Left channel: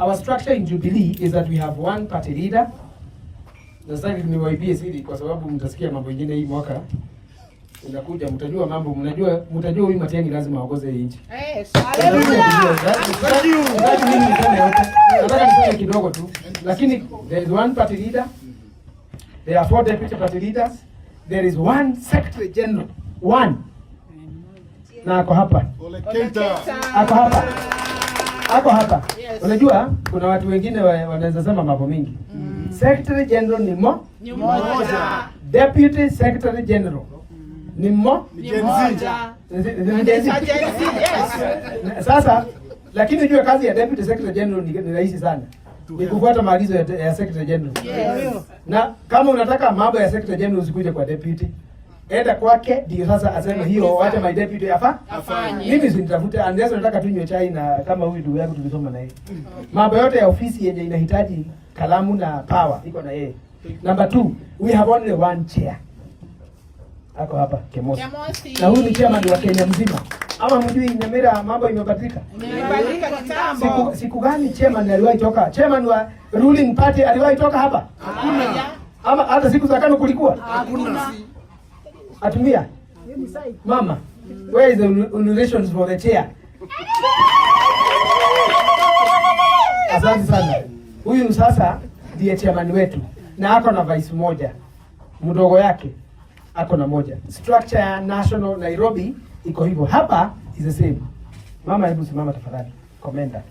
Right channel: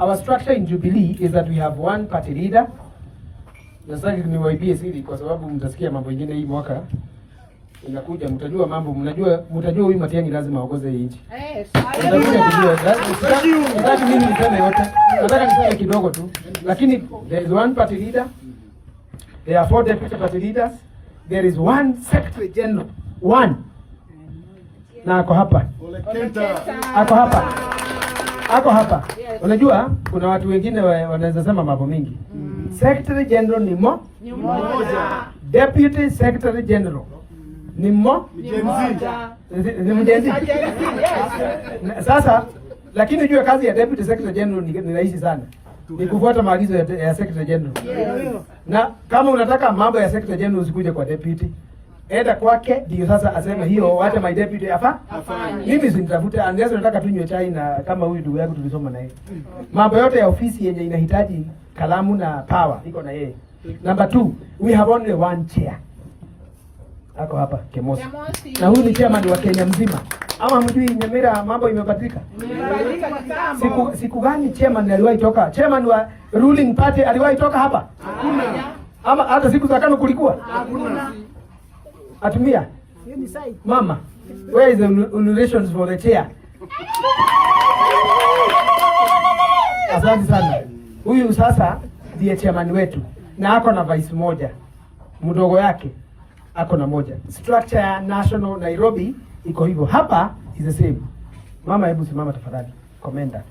Our structure in Jubilee is that we have one party leader. Nasaki niwaibie siri kwa sababu mtasikia mambo mengine hii mwaka inakuja, mtajua mambo, mtajua huyu Matiang'i lazima aongoze hii nchi. Sasa mimi niseme yote, nataka niseme kidogo tu, lakini there is one party leader, there are 4 deputy party leaders, there is one secretary general, one, na ako hapa, ako hapa. Unajua kuna watu wengine wanaweza sema mambo mingi. Secretary general ni mmoja, deputy secretary general ni mmoja. Sasa lakini jua kazi ya deputy secretary general ni rahisi sana, ni kufuata maagizo ya secretary general. Na kama unataka mambo ya secretary general usikuje kwa deputy, enda kwake ndio sasa aseme hiyo, wacha my deputy afanye. Mimi sinitafuta, unless nataka tunywe chai na kama huyu ndugu yangu tulisoma na yeye. Mambo yote ya ofisi yenye inahitaji kalamu na power iko na yeye. Number 2, we have only one chair. Ako hapa Kemosi. Na huyu ni chairman wa Kenya mzima. Ama mjui Nyamira mambo imebadilika? Imebadilika kitambo. Siku gani chairman aliwahi toka? Chairman wa ruling party aliwahi toka hapa? Hakuna. Ama hata siku za KANU kulikuwa? Hakuna. Atumia. Mama, where is the relations for the chair? Asante sana. Huyu sasa ndiye chairman wetu na ako na vice moja. Mdogo yake ako na moja. Structure ya national Nairobi iko hivyo. Hapa is the same. Mama, hebu simama tafadhali. Komenda.